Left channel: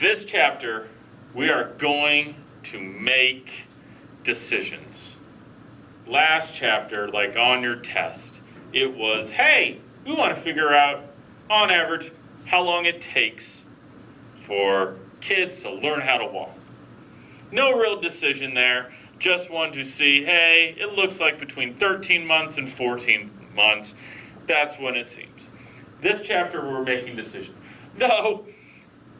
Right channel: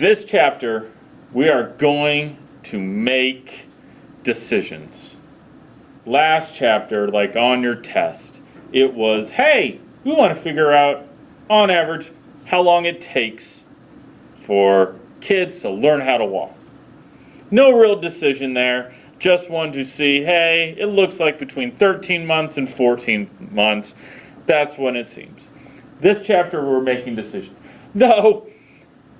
This chapter, we are going to make decisions. Last chapter, like on your test, it was, hey, we want to figure out, on average, how long it takes for kids to learn how to walk. No real decision there. Just wanted to see, hey, it looks like between 13 months and 14 months. That's when it seems. This chapter, we're making decisions. No,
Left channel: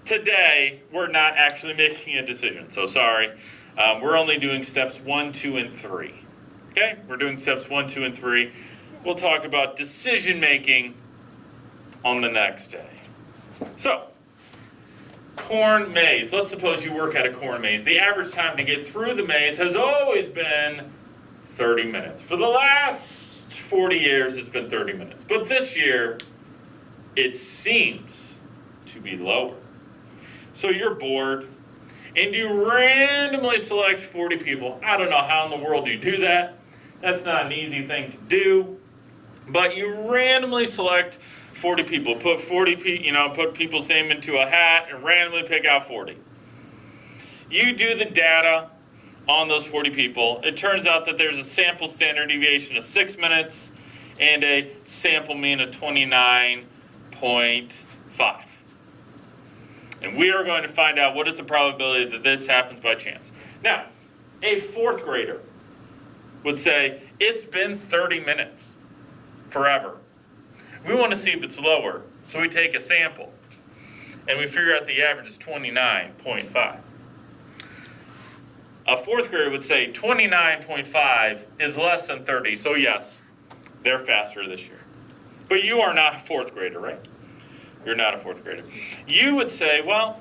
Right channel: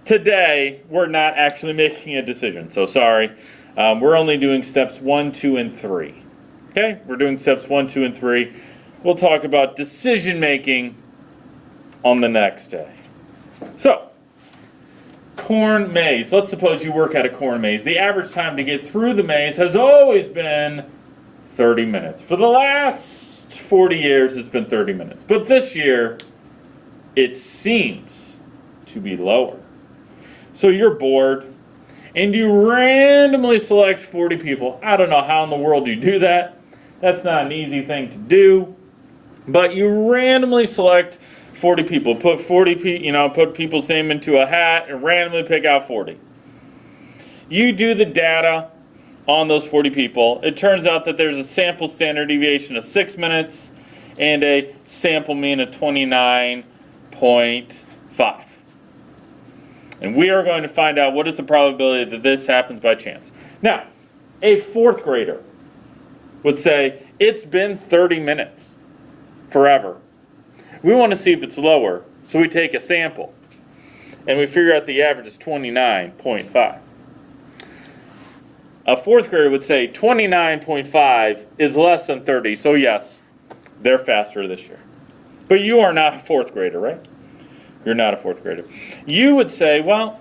today, we're not actually making a decision. So sorry. We're only doing steps 1, 2, and 3. Okay? We're doing steps 1, 2, and 3. We'll talk about decision making on the next day. So, corn maze. Let's suppose you work at a corn maze. The average time to get through the maze has always been 30 minutes. For the last 40 years, it's been 30 minutes. But this year, it seems to be lower. So you're bored, and you randomly select 40 people. I don't know how in the world you do that. That's not an easy thing to do. But you randomly select 40 people. Put put people's name into a hat and randomly pick out 40. You do the data on those 40 people. It turns out that there's a sample standard deviation of 6 minutes and a sample mean of 29.5. And we are going to find out what is the probability that this happens by chance. Now, a fourth grader would say, it's been 30 minutes, forever. We want to see if it's lower, so we take a sample. And we figure out the average is 29.5. A fourth grader would say 29.5 is less than 30, so yes, they're faster this year. But you are not a fourth grader, right? You're not a fourth grader. You would say, well,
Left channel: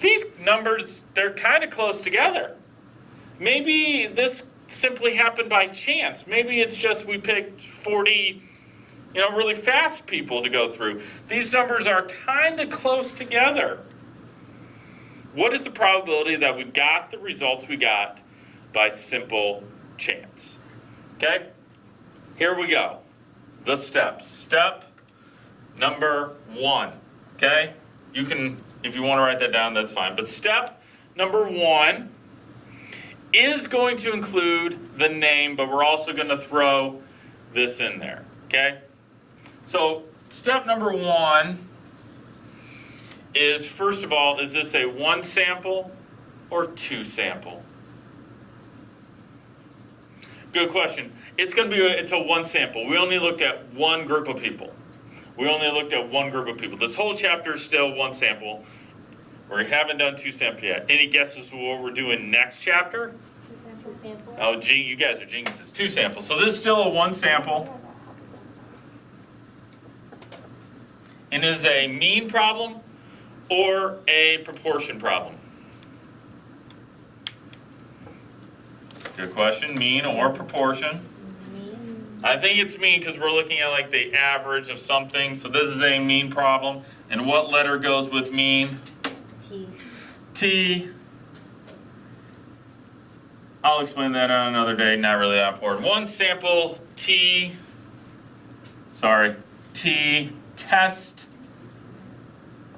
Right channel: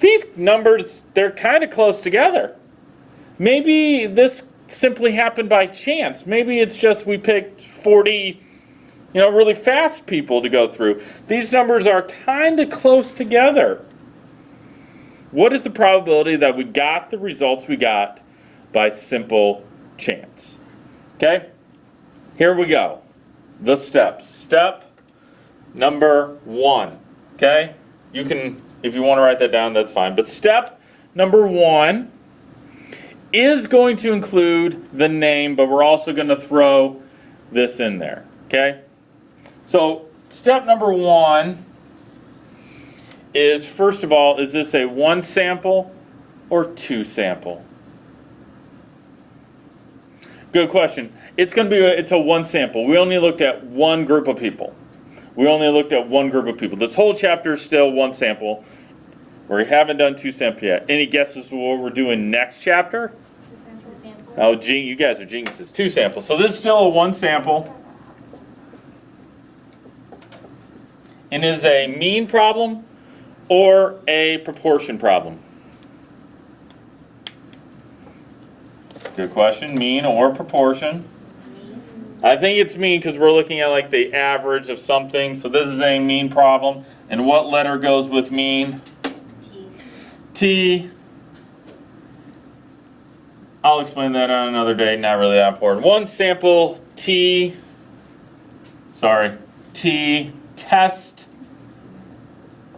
these numbers, they're kind of close together. Maybe this simply happened by chance. Maybe it's just we picked 40, really fast people to go through. These numbers are kind of close together. What is the probability that we got the results we got by simple chance? Okay? Here we go. The steps. Step number 1. Okay? You can, if you want to write that down, that's fine. But step number 1 is going to include the name, but we're also going to throw this in there. Okay? So, step number 1 is, first of all, is this a 1 sample or 2 sample? Good question. It's a 1 sample. We only looked at one group of people. This whole chapter is still 1 sample. We haven't done 2 samples yet. Any guesses for what we're doing next chapter? 2 samples. Oh, gee, you guys are geniuses. 2 samples. So this is still a 1 sample. And is a mean problem or a proportion problem? Good question. Mean or proportion? I think it's mean because we're looking at like the average of something. So this is a mean problem. And what letter goes with mean? T. I'll explain that on another day. Not really that important. 1 sample T test.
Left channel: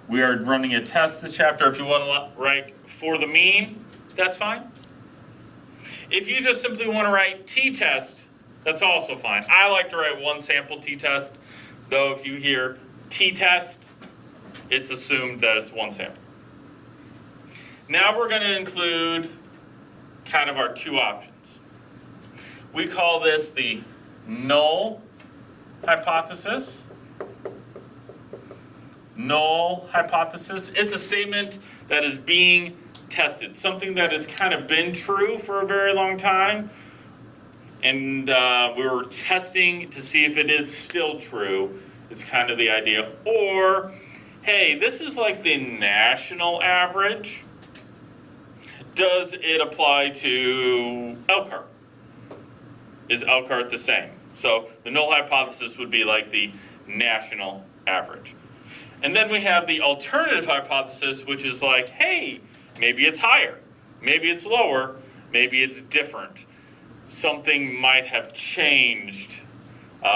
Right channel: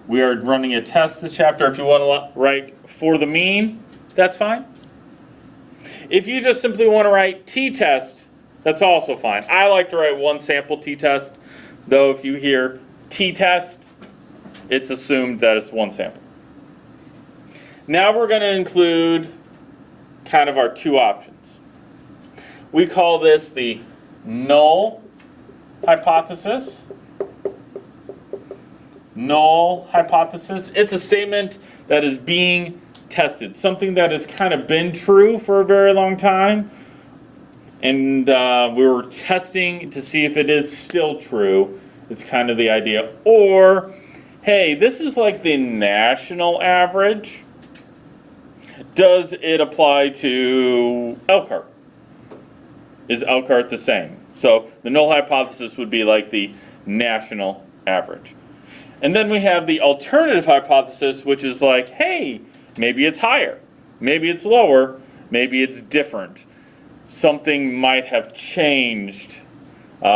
We are running a test this chapter. If you want to write for the mean, that's fine. If you just simply want to write t-test, that's also fine. I like to write 1 sample t-test, though if you hear t-test, it's assumed that it's 1 sample. Now we're going to include kind of our 2 options. We call this the null hypothesis. Null hypothesis. It's a statement that is being tested. Something that has kind of been true for a very long time. And we were testing to see if it is still true. It's kind of the idea. Or, hey, this is like the national average. Does it apply to Elkhart? Is Elkhart the same? So the null hypothesis would be like the national average. And then we have the alternative hypothesis, which is like, hey, maybe it's higher, maybe it's lower, maybe it's different. Something might have changed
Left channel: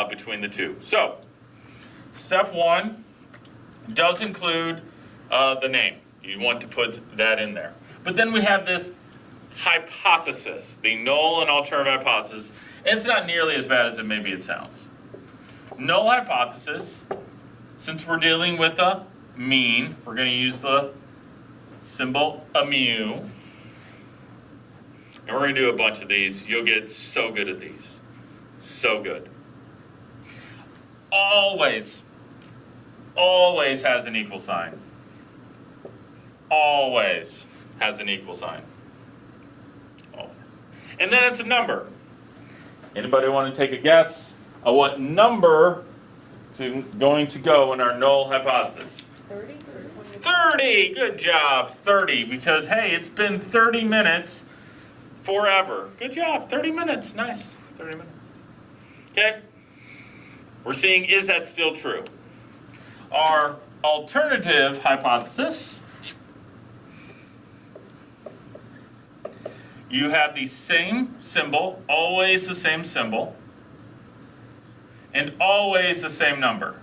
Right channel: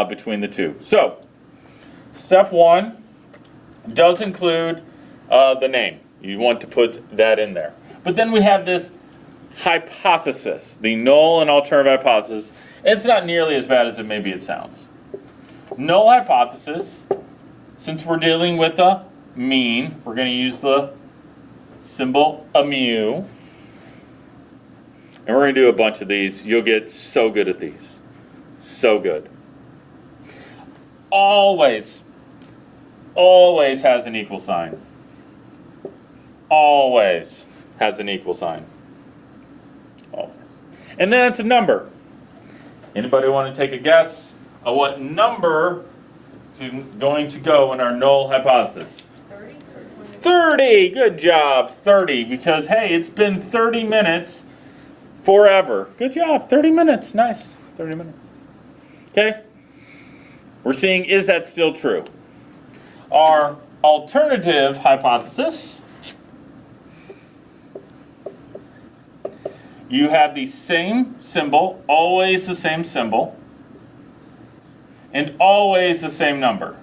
between the two. So, step 1 does include the name. You want to put that in there. But then we have this hypothesis, the null and alternative hypothesis. It's not nearly as bad as maybe it sounds. Null hypothesis, since we're dealing with a mean, we're going to use the symbol mu. And we're going to do a bunch of these. You'll get so good at these. So good. Always has an equal sign. Always has an equal sign. Always. And then it's a number. Anybody want to take a guess of what number is going to go in our null hypothesis? 30? 30! Good job, 30. Because, hey, it's been 30 minutes forever. Good job, 30 minutes. Nice, 30 minutes. Okay? We're seeing, is that still true? Our alternative hypothesis, you have the same symbol, always the same symbol, and always the same number.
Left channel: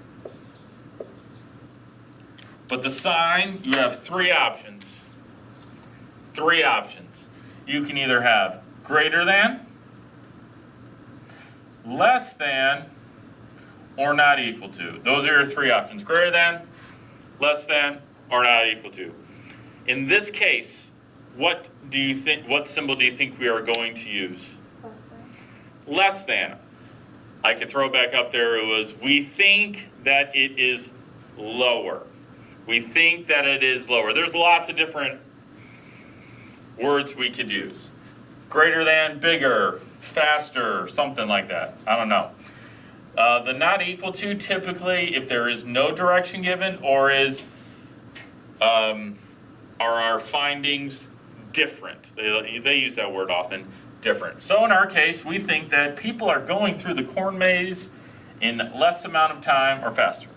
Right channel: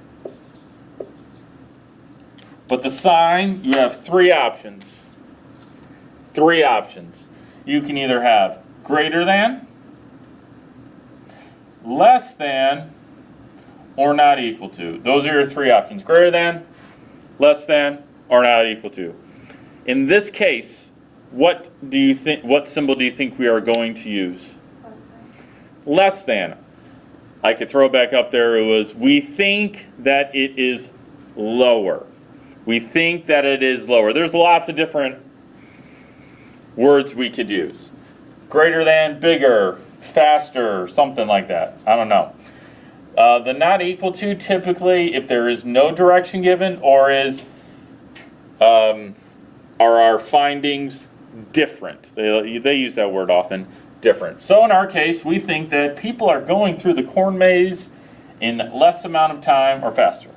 But the sign, you have three options. Three options. You can either have greater than, less than, or not equal to. Those are your three options. Greater than, less than, or not equal to. In this case, what symbol do you think we are going to use? Less than. I could throw it back up there. It was, we think that it is lower. We think that it is lower. There's lots of different words we could use. Greater than, bigger, faster, something like that. I don't know. The not equal to, typically, if there is no direction given, or are our findings different? They use that word often, different. So in our case, we think that people are going through the corn maze in less amount of time or faster.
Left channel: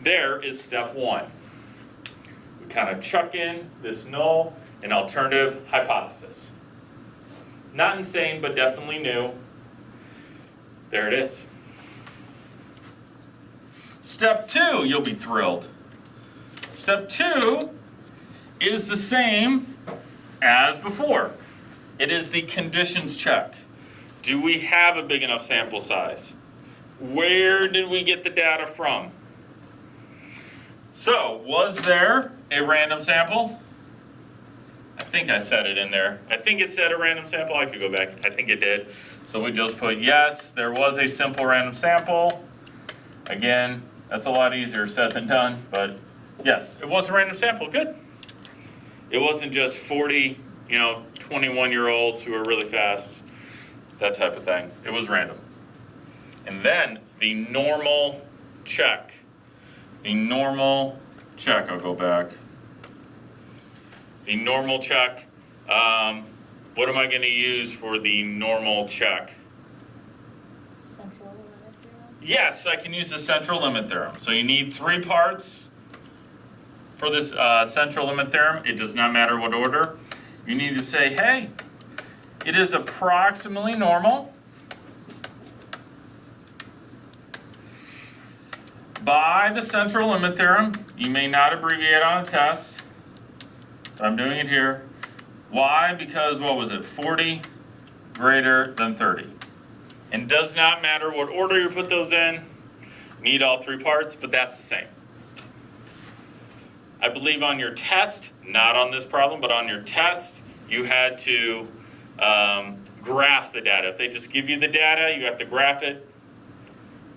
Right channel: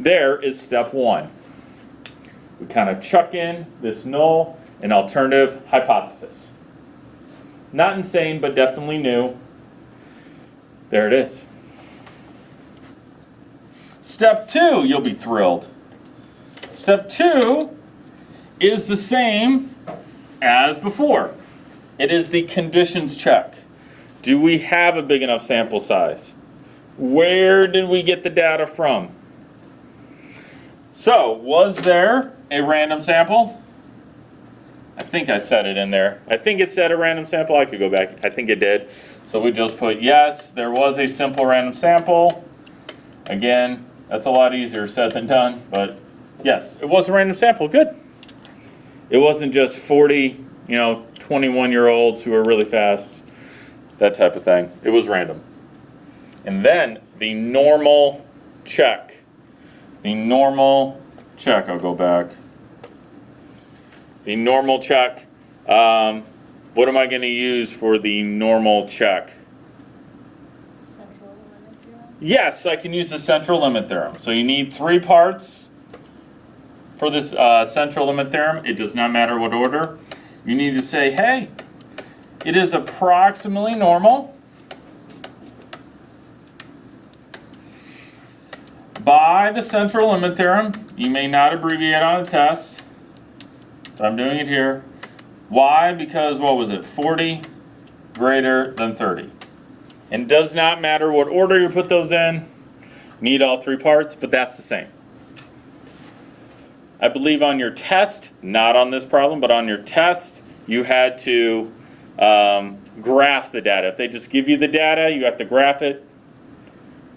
There is step one. We kind of chuck in this null and alternative hypothesis. Not insane, but definitely new. There it is. Step two, you'll be thrilled. Step two is the same as before. It is the conditions check. Do we have a big enough sample size? Where did we get the data from? So, was there a random sample? I think I said it in there. I think it said a random sample. I could go back. I think it did. So we just put yes, there was a simple random sample. Again, that's a lot easier said than done, but yes, it was a random sample. Good. It wasn't just 40, 21-year-olds who are really fast, that type of thing. It was random. And then the normal check. The normal check, I'll go back. The normal check. What am I going to use for the normal check? Central limit theorem? Yes, I can use the central limit theorem. So you need 3 parts for this central limit theorem. It does not matter what order. You need to say, hey, it is approximately normal by the central limit theorem. You may not abbreviate on a test, but I'm doing it here. Why? Because, what was it, 40 greater than 30. And does not matter what order you put those in. Need all 3 parts, but that's the same. I believe on your test, not on this problem, but on your test, you had to graph the data. If they just give you the data, you have to graph it,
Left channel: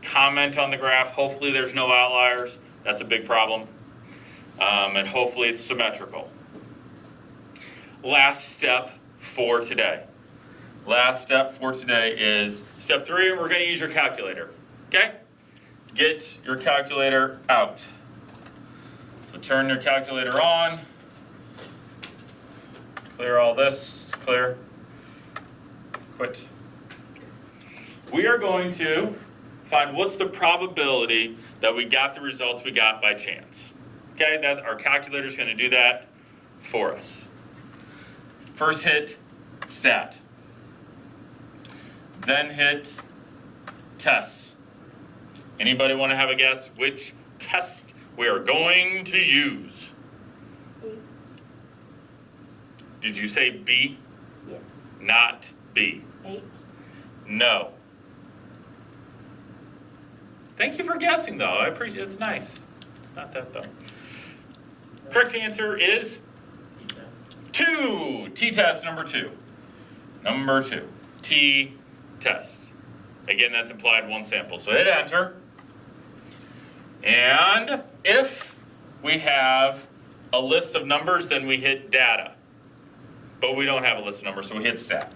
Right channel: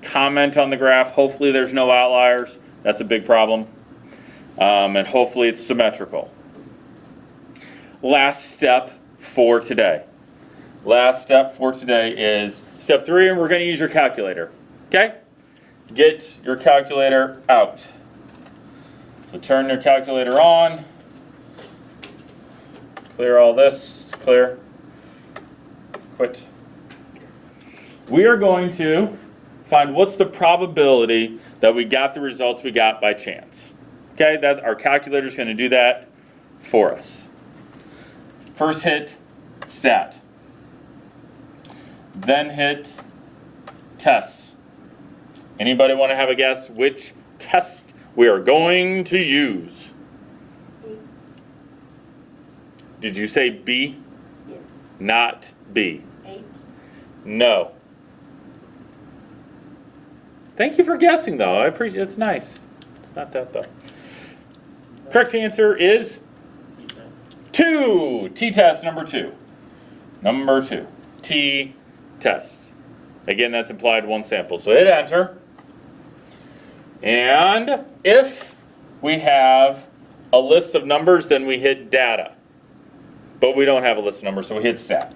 comment on the graph. Hopefully there's no outliers. That's a big problem. And hopefully it's symmetrical. Last step for today. Last step for today is step 3, and we're going to use your calculator. Okay? Get your calculator out. So turn your calculator on. Clear all this. Clear. Quit. We are going to find what's the probability that we got the results we got by chance. Okay? Our calculator is going to do that for us. First hit stat. Then hit tests. Anybody want to have a guess which test we are going to use? Did you say B? Yes. Not B. 8. No. Thank you for guessing, though. I appreciate it. It's nice. It's not that, though. Correct answer is 2. T-test number 2. Number 2. T-test. Again, that's implied one sample. So hit enter. And if we have a list of numbers, then we hit data. But we don't have a list of numbers, so we hit stat.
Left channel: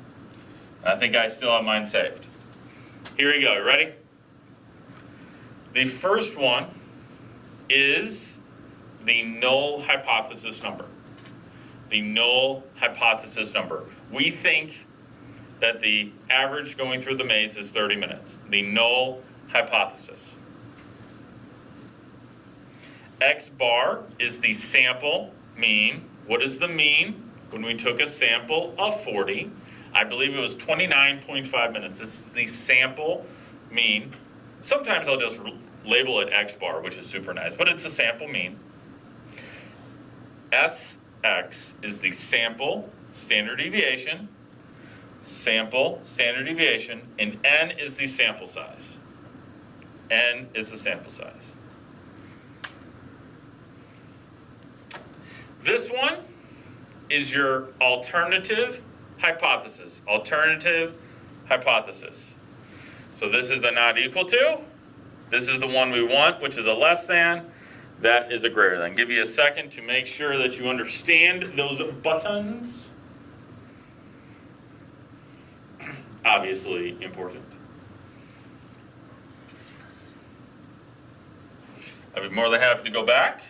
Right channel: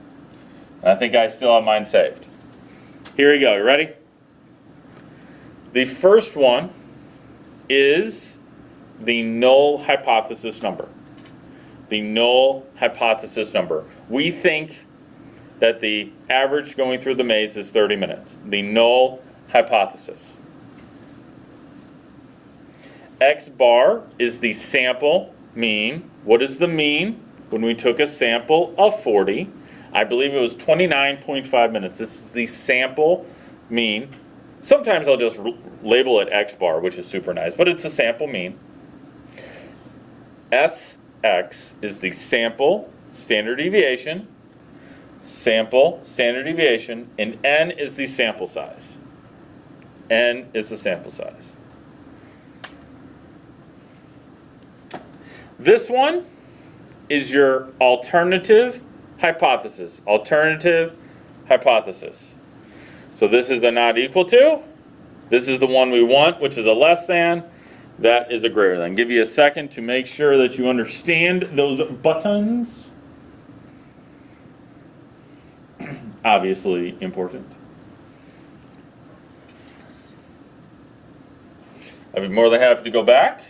And I think I still have mine saved. Here we go. You ready? The first one is the null hypothesis number. The null hypothesis number. We think that the average going through the maze is 30 minutes. The null hypothesis. X bar is the sample mean. What is the mean? When we took a sample of 40, I believe it was 29.5 minutes. This is the sample mean. Sometimes I'll just label it X bar, which is super nice, but it's a sample mean. SX is the sample standard deviation, and N is the sample size. N is the sample size. This one is your alternative hypothesis. Alternative hypothesis. So this is a not equal to. This is the one we want, which is a less than. That is a greater than. Give you a second to make sure that you understand those buttons. Obviously important. I'd be more than happy to go back.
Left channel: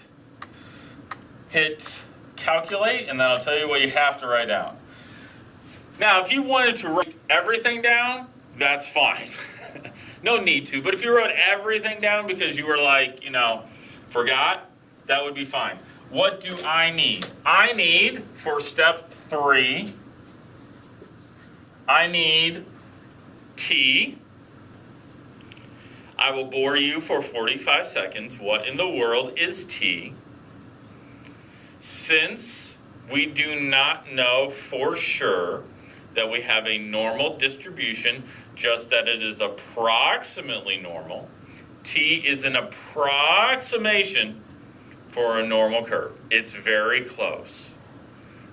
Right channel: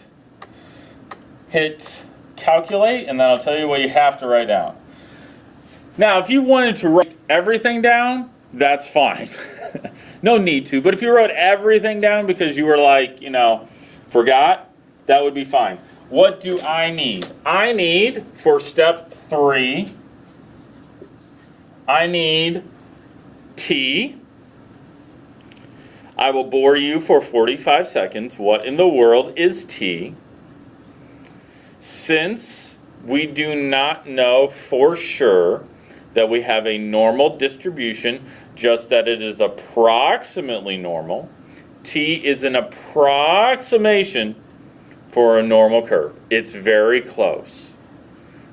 Hit calculate, and then I'll tell you what you have to write down. Now, if you wanted to write everything down, that's fine. No need to, but if you wrote everything down because you were like, forgot, that would be fine. What do I need? I need, for step 3, I need T. I will bore you for 45 seconds. What in the world is T? Since we do not know for sure that we have a normal distribution, just that it is approximately normal, T is an approximation for a normal curve. It's very close,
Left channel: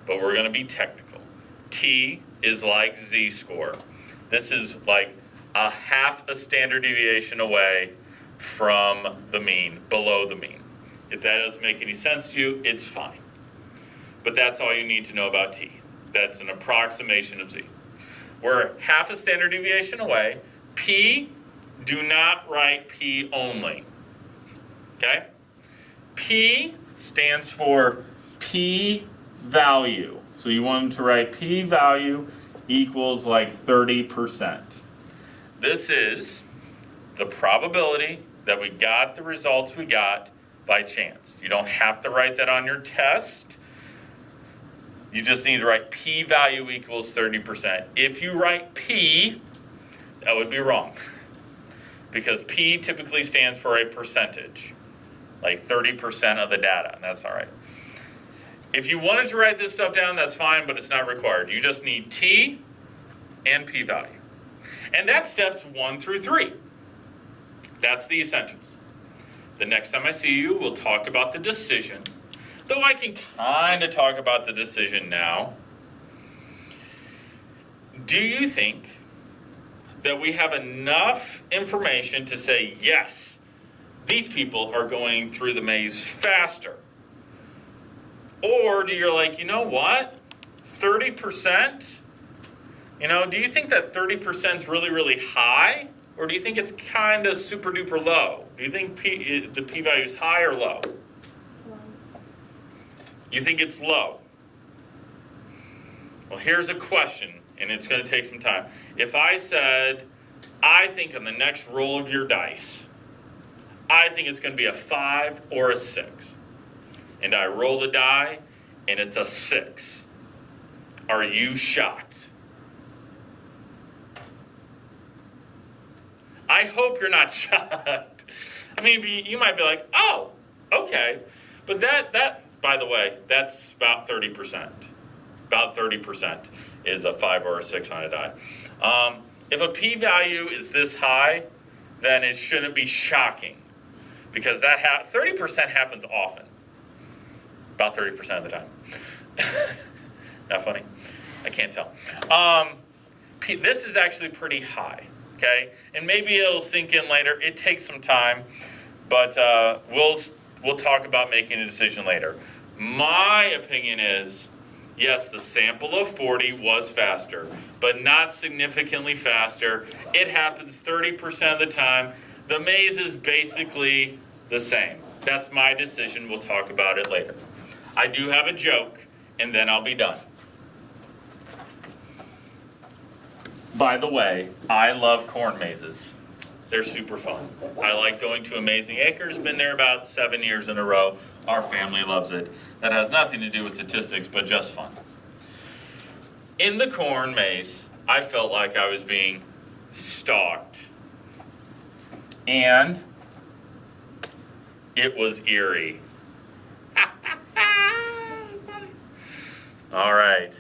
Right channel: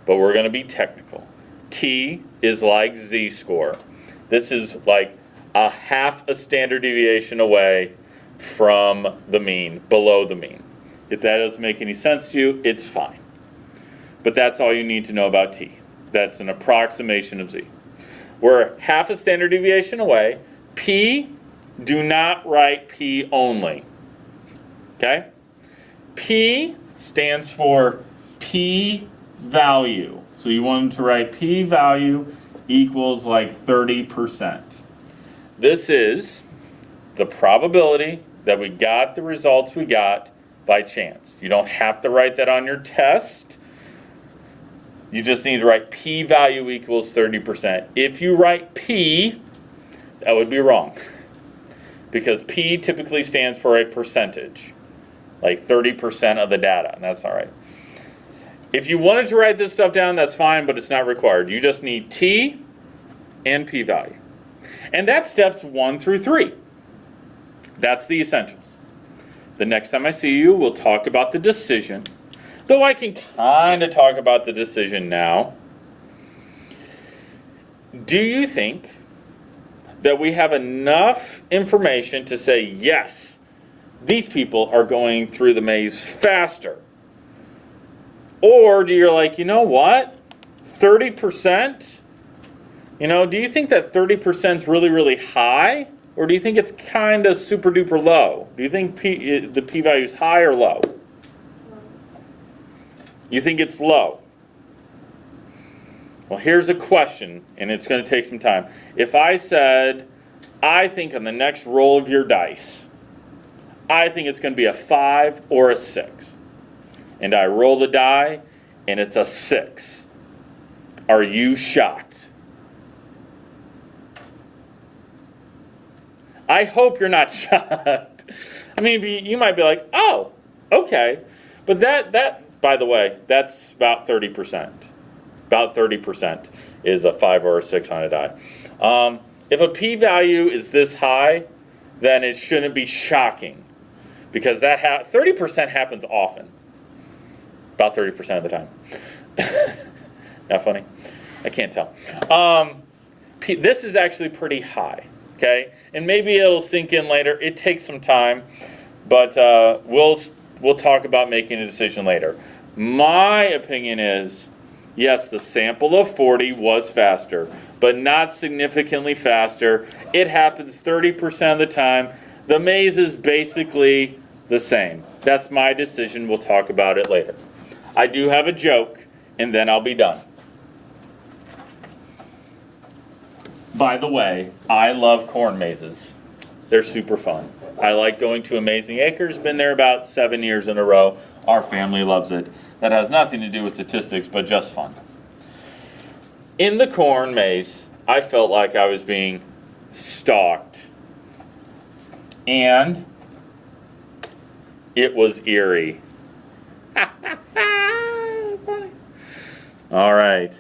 but we're going to be technical. T is like z-score. This is like a half a standard deviation away from the mean, below the mean. If that doesn't make any sense to you, it's fine. But that's all you need to know about T. That's an approximation of z. We're half a standard deviation away. P, do not write P only. Okay? P stands for p-value. So you want to write p-value equals like 30%. This is the probability that we got the results we got by chance. You don't have to write that on your test. You just need to write p-value equals 30%. If you write p, that would be wrong. Because p typically stands for a percentage. Like 30% of the data, and that's all right. If you wanted to write this stuff down, that's fine, but it's not required. You just need t and p-value. And that's steps 1 through 3. That's the essentials. The next time I see you, we'll talk about the decision. Though I can kind of talk about the decision now. Do you think that we have enough information to say, yes, these people are going through the maze faster? Or do you like, you know what? 30%? Do you think that 30% is really, really high? Or do you think it's kind of super duper low? Do you think the p-value is high or low? You think it's low? Well, here's a question, and it's going to take some time. If I said, I think on the next roll of your dice, I think it's going to be a 5 or a 6. And I roll the die, and it's a 6. Are you shocked? I hope you're not shocked. I mean, you might be like, oh, okay. But that, by the way, that's about 30%. About 30% is a 5 or a 6 on a die. If a p-value is this high, then it shouldn't be shocking, because that 30% happens often. About 30% of the time. Not funny? I can't tell. This is actually pretty high, okay? And maybe it'll sink in later. It takes some time, but we'll talk about making a decision later. My opinion is, yes, the sample of 40 was faster, but not significantly faster. It happens 30% of the time. The maze is basically the same. That's my decision. We'll talk about it later. I do have a joke, and then I'll be done. By the way, I love corn mazes. They're super fun. I like going to Amazing Acres. Been there about 7 years in a row. Our family loves it. That has nothing to do with statistics, but just fun. In the corn maze, I felt like I was being stalked. And it was eerie. All right.